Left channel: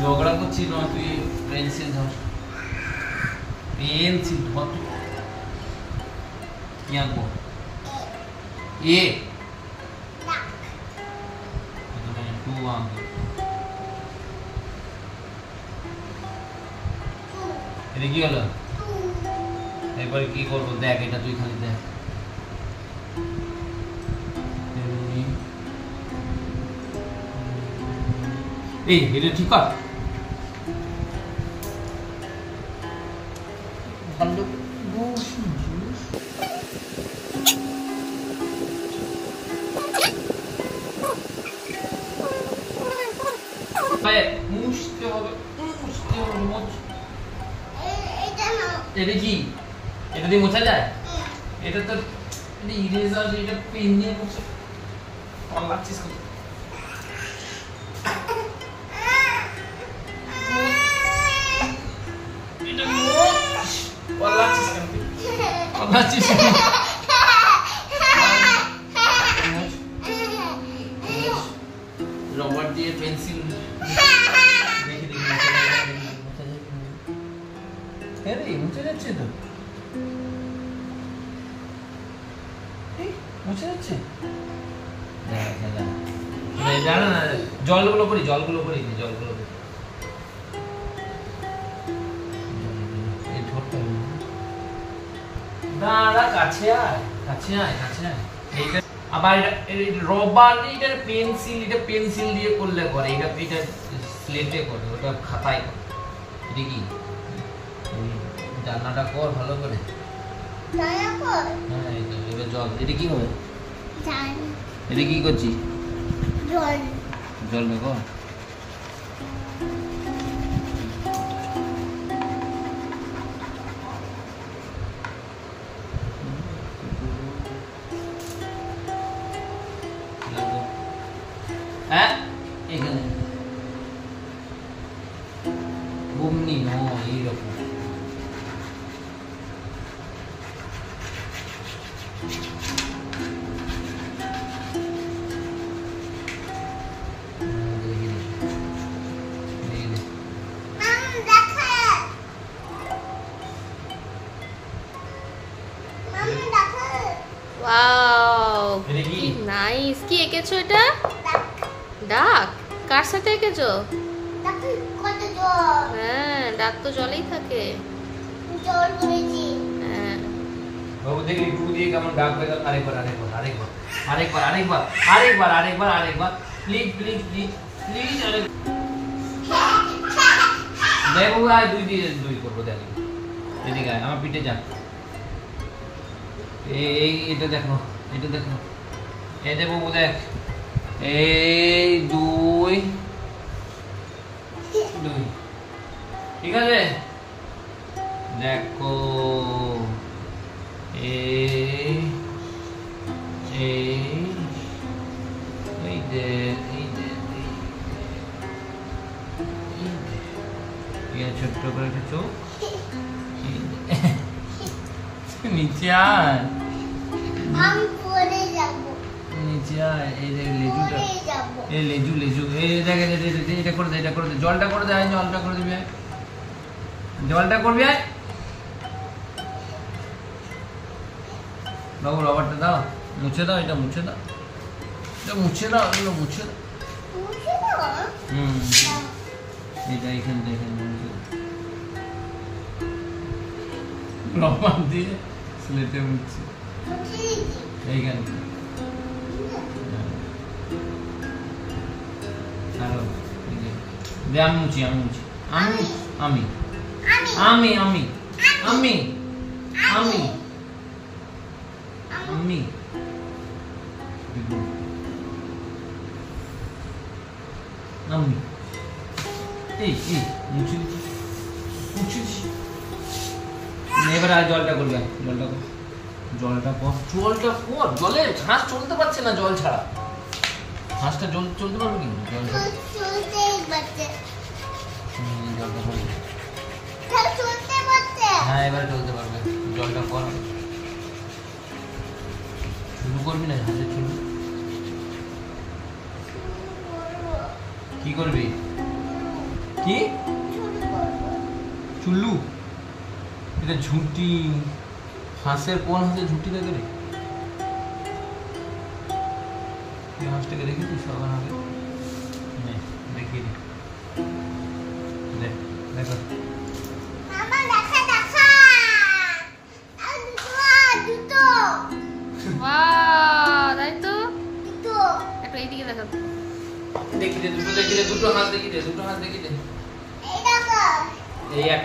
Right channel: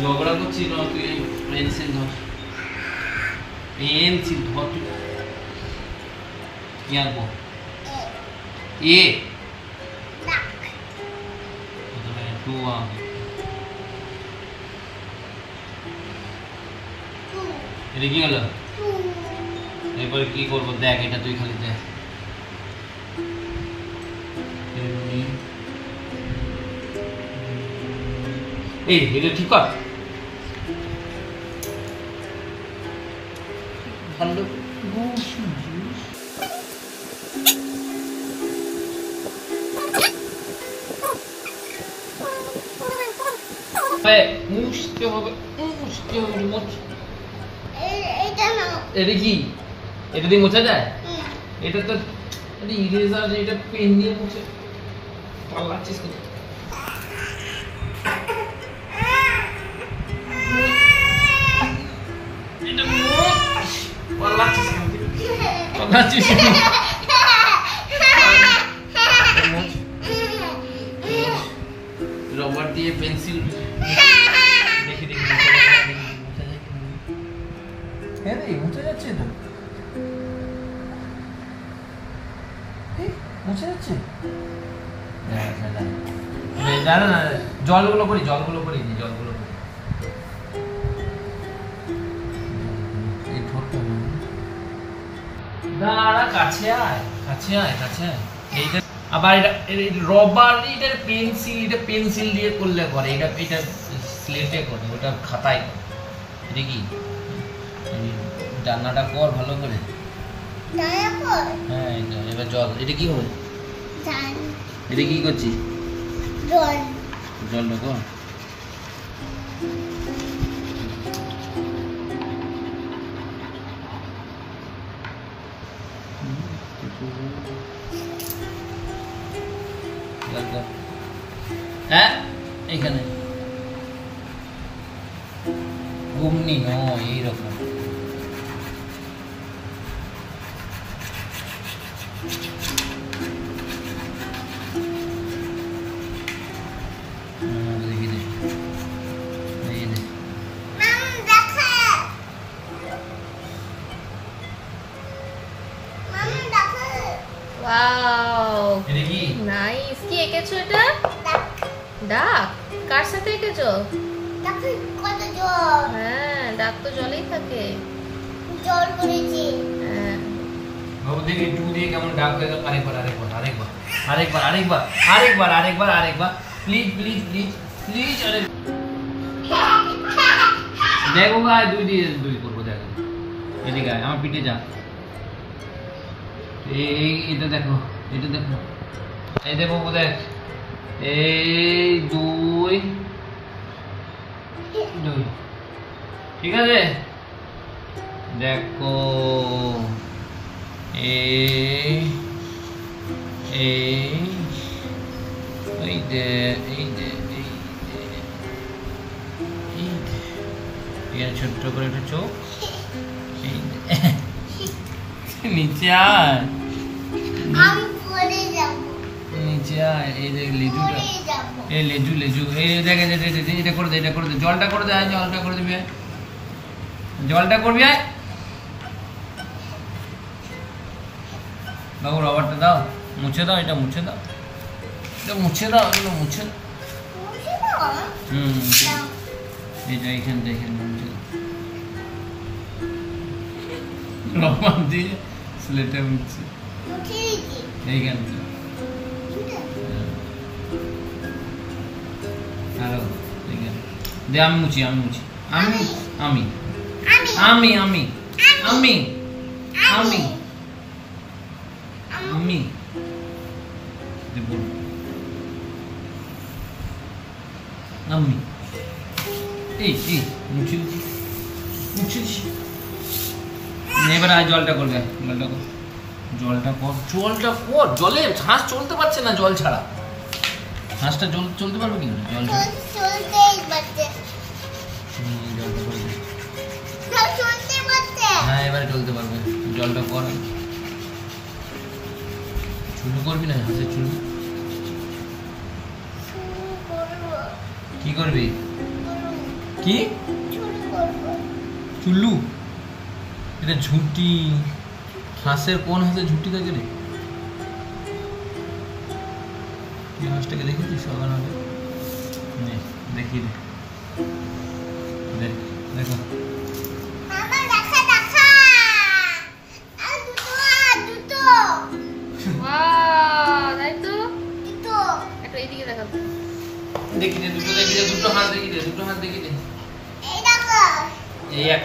ঝগড়া করছিস না তুই, পেন্সিল ধর, পেন্সিল ধর। তুই কি আঁকবো? এ টু আঁকবো। এটা কি হলো? এবার কি করবো দেখ, এটা তুই খালি দেখ। এই এটা ঠিক কর ভালো। মুছতে হবে, মুছতে হবে, এটা কি? এটা দিয়ে মোছা যায়? এটা তো ইরেজার, এটা পেন দিয়ে মুছে পাল্লাচ্ছিস কত? পাল্লাচ্ছিস কেন? পাল্লাচ্ছিস রবার দিয়ে পেন্সিল দেখি দেখি মোছা যায় কি? হ্যাঁ রে মুছে যাচ্ছে তো, মুছে যাচ্ছে। জানো না, জলগুলো করি, জলগুলো করি, জলগুলো করি। দাঁড়া, কাছে আয়, কাছে আয়, কাছে আয়। এইটা আবার এটা রবার, এটা পেন্সিল, এটা পেন্সিল দিয়ে করলে করে, এটা এটা স্লেটে করে, ওটা খাতায় করে। এটা কি? রান্নাটা কর ভালো করে। হ্যাঁ এটা এবার জল, এটা কি হবে? এটা কি করছিস? জল, জলটা কর। হ্যাঁ এখানে ঘুমনি নয়, এইরকম। Wow nice. কি এঁকেছো এটা? ডাক। কার সাথে এঁকেছো? হ্যাঁ ডাক তো জলেই থাকে। জল করেছি। হ্যাঁ বাবু দেখি টু দিয়ে কেমন ডাক দেয়। আরেকবার, আরেকবার, আরেকবার, আরেকবার, আরেকবার, আরেকবার, আরেকবার, আরেকবার, প্লিজ প্লিজ প্লিজ প্লিজ। দেখো ভাই, দুই দিয়ে দুই করবো। দেখ এদিকে আমার পিঠে যা। এই এটা দেখো, এটা দেখো, এই দেখো দেখ, এই দুই দুই, ঠিক আছে? দেখো এই যে এই ছোট্ট করে একটা চোখ, নিচে আয়, নিচে আয়। এই যে লেজুটা, এই লেজু, লেজু, এই দেখ, এটা করে দে, এটা করে দে, জলটা করে দে, জলটা করে দিবি, জলটা করবি। আয় বাবু রবারটা দাও, মুছে দাও, এটা মুছে দাও, এটা মুছে দাও, এগুলো মুছে দাও। এটা এখানে দেখেন মুছে দাও, রবার দিয়ে স্লেটে মুছে এইখান থেকে। হ্যালো দে, আমি মুছি, আমি মুছি, আমি আমি আমি আমি আমি আমি আমি আমি এই এই মুছি মুছি। এবার আয় জলটা করবে, জলটা কর, জলটা কর, জলটা কর। জলে হাঁস চলতে পারছে না জল ছাড়া। হাঁসটা জল চলতে পারবে কি? জল ছাড়া হ্যাঁ এবারে চলতে পারবে। জলটা কর, শুরু করবি না? হাঁসের চুল কি করবি? কি চুল্লু? এটা ঝুঁটি। হাঁসের কোন হাঁসের ঝুঁটি থাকে রে? এই হাঁসটাকে দেখেছিস সবার আগে? দেখি দেখো এইদিকে দেখাতো দেখি দুটো হাত দেখি দুটো হাত দেখি এই এক